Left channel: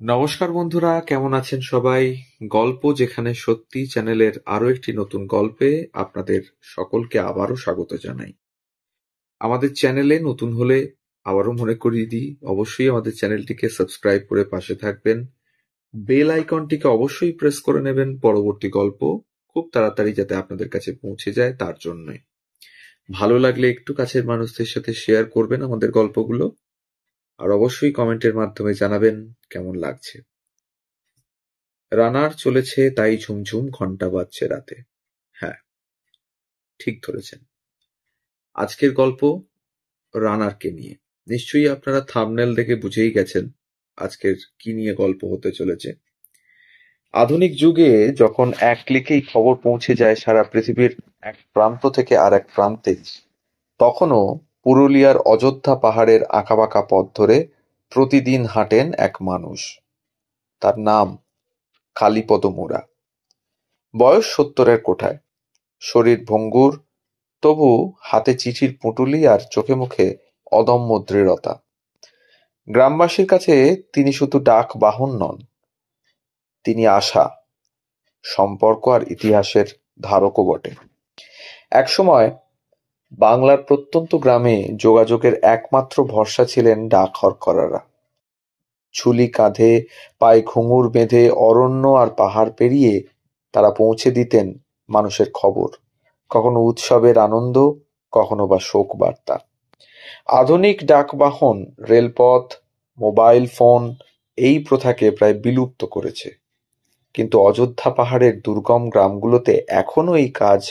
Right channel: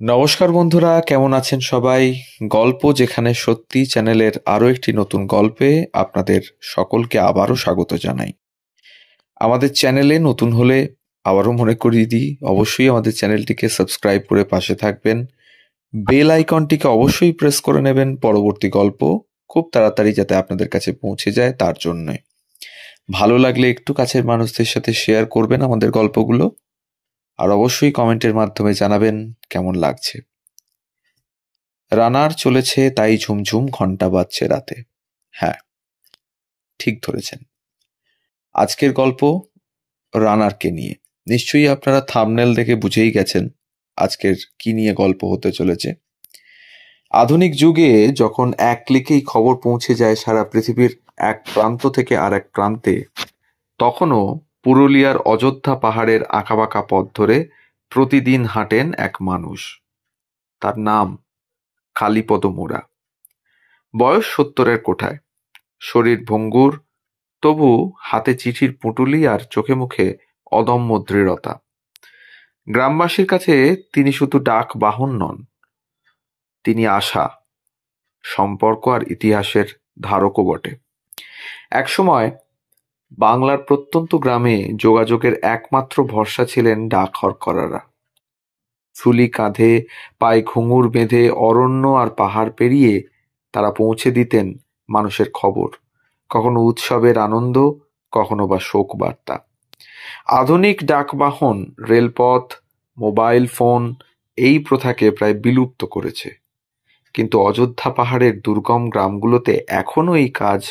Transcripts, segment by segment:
নমস্কার বন্ধুরা, কেমন আছেন সবাই? গল্প যেখানে সত্যি চ্যানেলের আরও একটি নতুন গল্পে আপনাদের সকলকে আবারও স্বাগত জানাই। আমাদের চ্যানেলে নতুন হলে আবারও মনে করিয়ে দিই, অবশ্যই আমাদের চ্যানেলটিকে সাবস্ক্রাইব করে পাশে থাকবেন। বেল আইকনটিকে অবশ্যই প্রেস করে নেবেন পরবর্তী গল্প খুব তাড়াতাড়ি যাতে আপনাদের কাছে পৌঁছে যায় তার জন্যে। ভালো লাগলে একটু কাছের মানুষদের সাথে শেয়ার করবেন আমাদের গল্পগুলো, আর অবশ্যই কমেন্টের মাধ্যমে জানাবেন কেমন লাগছে। রানার চলেছে তাই ঝুমঝুম ঘন্টা বাজছে রাতে। হ্যাঁ, ঠিক ধরেছেন। আজকের গল্প রানারকে নিয়ে। নিশ্চয়ই আপনারা থাম্বনেল দেখে বুঝেই গেছেন আজকের কি নিয়ে গল্প হতে চলেছে। আধুনিক যুগে যখন এক ক্লিকেই খবর পৌঁছে যায় সারা পৃথিবীর এক প্রান্ত থেকে আর এক প্রান্তে, তখনও পুরুলিয়ার অযোধ্যা পাহাড়ের আঁকাবাঁকা পথ ধরে প্রতিদিন হাঁটেন এক মানুষ। তার নাম কালীপদ মুড়া। বয়স 70-এর কোঠায়, শরীর ভঙ্গুর, তবু হাতে চিঠির পুঁটুলি আর চোখে মুখে অদম্য দৃঢ়তা। গ্রামবাসীর কাছে তিনি শুধু ডাক বাহন নন, তিনি আশা, সম্পর্ক আর ইতিহাসের ধারকও বটে। একসময় বাংলার প্রত্যন্ত গ্রামে যোগাযোগের একমাত্র ভরসা ছিলেন ডাক হরকরারা। ঝুলি কাঁধে, পায়ে ঘুঙুর বেঁধে অরণ্য আর পাহাড় পেরিয়ে তারা পৌঁছে দিতেন মানুষের খবর, কখনো উৎসবের আনন্দ, কখনো বা শোক বার্তা। আধুনিক ডাকবাহন, রেলপথ, মোবাইল ফোন এই প্রথাকে প্রায় বিলুপ্ত করেছে, কিন্তু অযোধ্যা পাহাড়ের দুর্গম গ্রামগুলোতে এখনো এই কাজ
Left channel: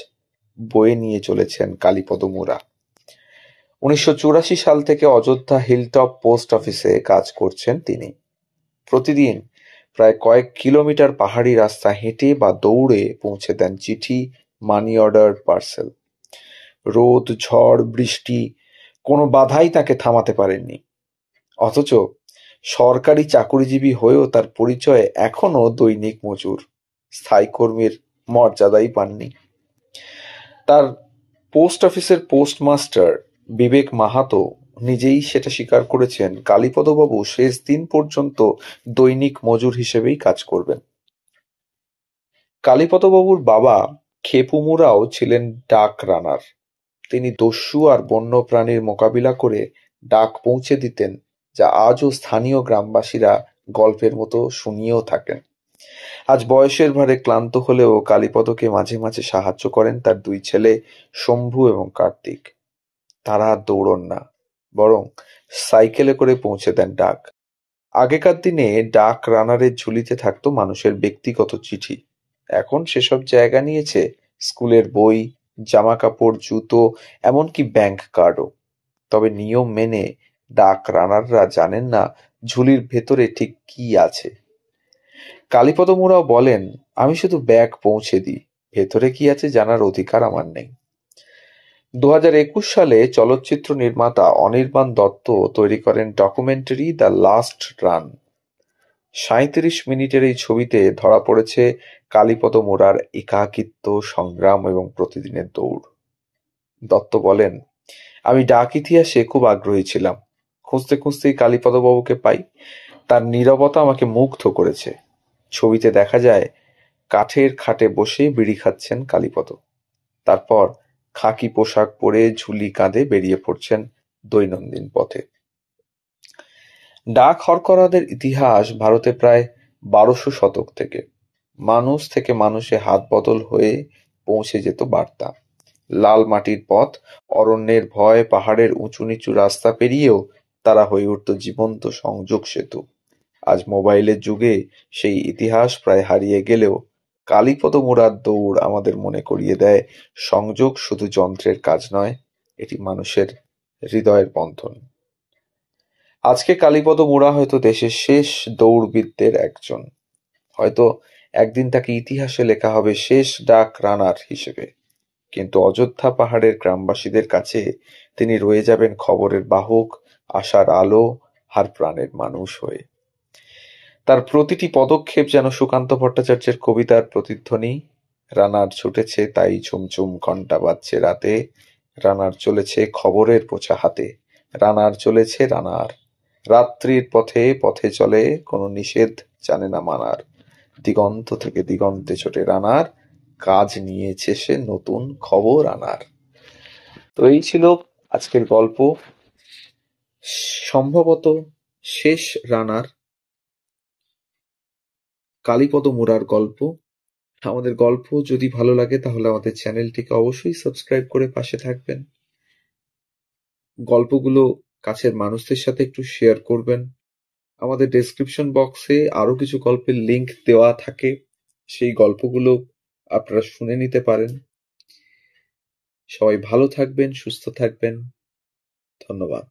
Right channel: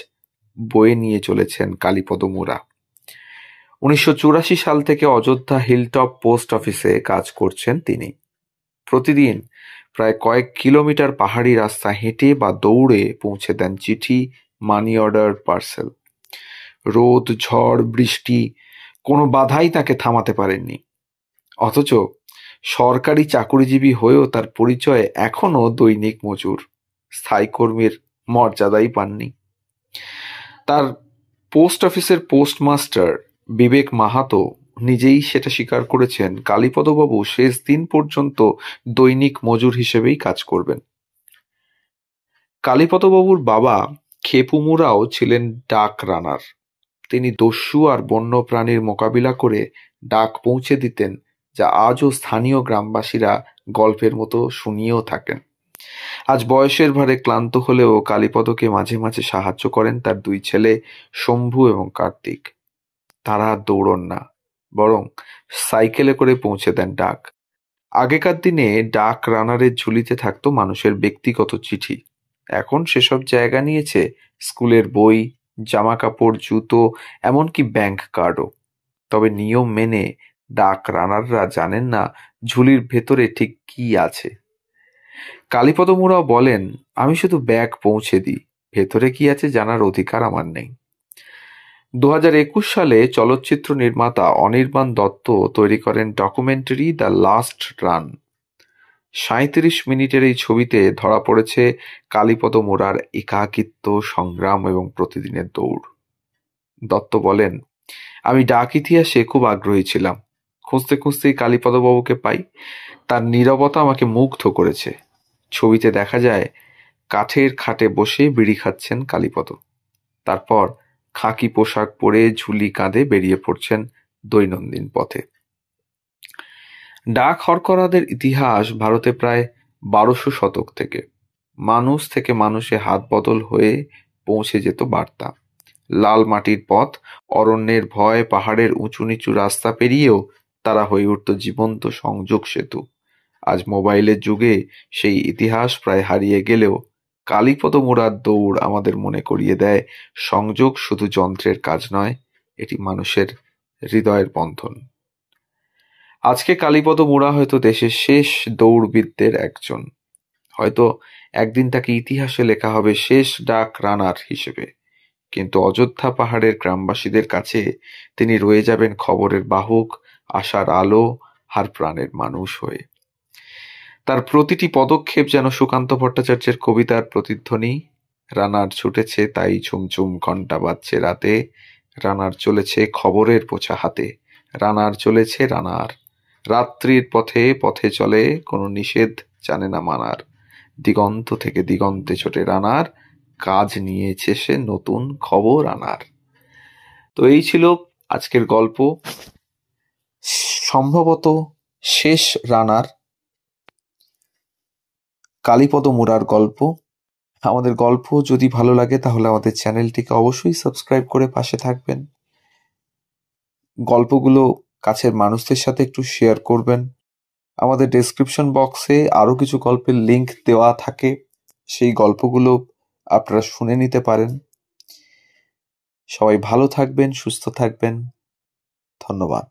বয়ে নিয়ে চলেছেন কালীপদ মুড়া। 1984 সাল থেকে অযোধ্যা হিলটপ পোস্ট অফিসে কাজ করছেন তিনি। প্রতিদিন প্রায় কয়েক কিলোমিটার পাহাড়ি রাস্তা হেঁটে বা দৌড়ে পৌঁছে দেন চিঠি, মানি অর্ডার, পার্সেল। রোদ, ঝড়, বৃষ্টি কোনো বাধাই তাকে থামাতে পারেননি। অথচ সরকারি চাকুরিজীবী হয়েও তার পরিচয় এখনো দৈনিক মজুর, স্থায়ী কর্মীর মর্যাদাই পাননি। তার পোস্ট অফিসের পোস্টমাস্টার বিবেক মাহাতো নিজেই সেটা স্বীকার করেছেন, কালীপদবাবু শেষ দিন পর্যন্ত দৈনিক মজুর হিসেবেই কাজ করবেন। কালীপদবাবুর বাবা খেপু মুড়াও ছিলেন ডাক রানার। তিনি দস্যু আর বন্য প্রাণীর মোকাবিলা করে ডাক পৌঁছে দিতেন, যা আজও স্থানীয় গ্রামবাসীরা গল্পের মতো শুনিয়েও থাকেন। আজ বয়সের ভারে ক্লান্ত হলেও কালীপদকে মাঝে মাঝে সাহায্য করেন তার দুই ছেলে শম্ভু এবং কার্তিক। তারা আর দৌড়ন না, বরং সাইকেলে করে পৌঁছে দেন ডাক। আগেকার দিনে ডাক রানারের ঝুলিতে থাকতো মানুষের ব্যক্তিগত চিঠি, এখন সেসব জায়গা নিয়েছে স্কুলের বই, জামা কাপড়, জুতো, এমনকি ব্যাংক কার্ডও। তবে নিয়ম মেনে ডাক রানাররা জানেন না ঝুলির ভেতরে ঠিক কি আছে। কালীপদ মুড়াও বলেন, আমি শুধু ব্যাগ পৌঁছে দিই, ভেতরে কি আছে জানার অধিকার আমার নেই। 2021 সালে চলচ্চিত্র নির্মাতা অনির্বাণ দত্ত তৈরি করেন ডকুমেন্টারি দ্য লাস্ট রান। 37 মিনিটের এই ছবিতে ধরা পড়েছে কালীপদ মুড়ার একাকিত্ব, সংগ্রাম এবং প্রতিদিনের দৌড়। দত্ত বলেন, আমি ডাক ইতিহাসে খুব আগ্রহী ছিলাম। খুঁজতে খুঁজতেই কালীপদবাবুকে পাই। তার নীরবতা আমাকে মুগ্ধ করেছে। ছবিতে দেখা যায় কাঠের খাটে বসে বিড়ি খাচ্ছেন কালীপদ। তারপর খাকি পোশাক পরে ঝুলি কাঁধে বেরিয়ে পড়ছেন দৈনন্দিন পথে। ডাক হরকরাদের ইতিহাস ভারতে প্রায় 1200 শতক থেকে। মানুষ থেকে মানুষে হাত বদল হয়ে পৌঁছে যেত বার্তা। লাল মাটির পথ, অরণ্যের ভয়, পাহাড়ের উঁচু নিচু রাস্তা পেরিয়েও তারা হয়ে উঠত জীবন্ত সংযোগ সেতু। আজ মোবাইলের যুগে সেই ইতিহাস প্রায় হারিয়ে গেলেও কালীপদ মুড়ার দৌড় আমাদের মনে করিয়ে দেয়, সংযোগ শুধু যন্ত্রের কাজ নয়, এটি মানুষের হৃদয়ের বন্ধন। আজকে কালীপদ মুড়া হয়তো দেশের শেষ দৌড়বিদদের একজন। হয়তো একদিন তাকে ইতিহাসে লেখা হবে শেষ ডাক রানার হিসেবে, কিন্তু অযোধ্যা পাহাড়ের গ্রামবাসীদের কাছে তিনি রয়ে যাবেন খবরের বাহক, আশার আলো আর প্রাণের মানুষ হয়ে। তার প্রতিটি পদক্ষেপ যেন সুকান্ত ভট্টাচার্যের কবিতার প্রতিধ্বনি। রানার ছুটেছে তাই ঝুমঝুম ঘন্টা বাজছে রাতে, রানার চলেছে খবরের পোছা হাতে, রানার চলেছে রানার, রাত্রির পথে পথে চলে, কোনো নিষেধ জানে না মানার। দিগন্ত থেকে দিগন্তে ছোটে রানার, কাজ নিয়েছে সে নতুন খবর আনার। তো এই ছিল আজকের গল্প, সম্ভবত শেষ রানার, কালীপদ মুরার গল্প। আমাদের গল্প যদি ভালো লাগে তাহলে আমাদের চ্যানেলটিকে অবশ্যই সাবস্ক্রাইব করে পাশে থাকবেন। গল্পগুলো কাছের মানুষদের সাথে একটু শেয়ার করবেন। আমাদের ডেসক্রিপশন বক্সে আরো কিছু গল্পের লিংক দেওয়া থাকে, সেই গল্পগুলো আপনারা শুনে নিতে পারেন। সবাই ভালো থাকবেন, সুস্থ থাকবেন। ধন্যবাদ।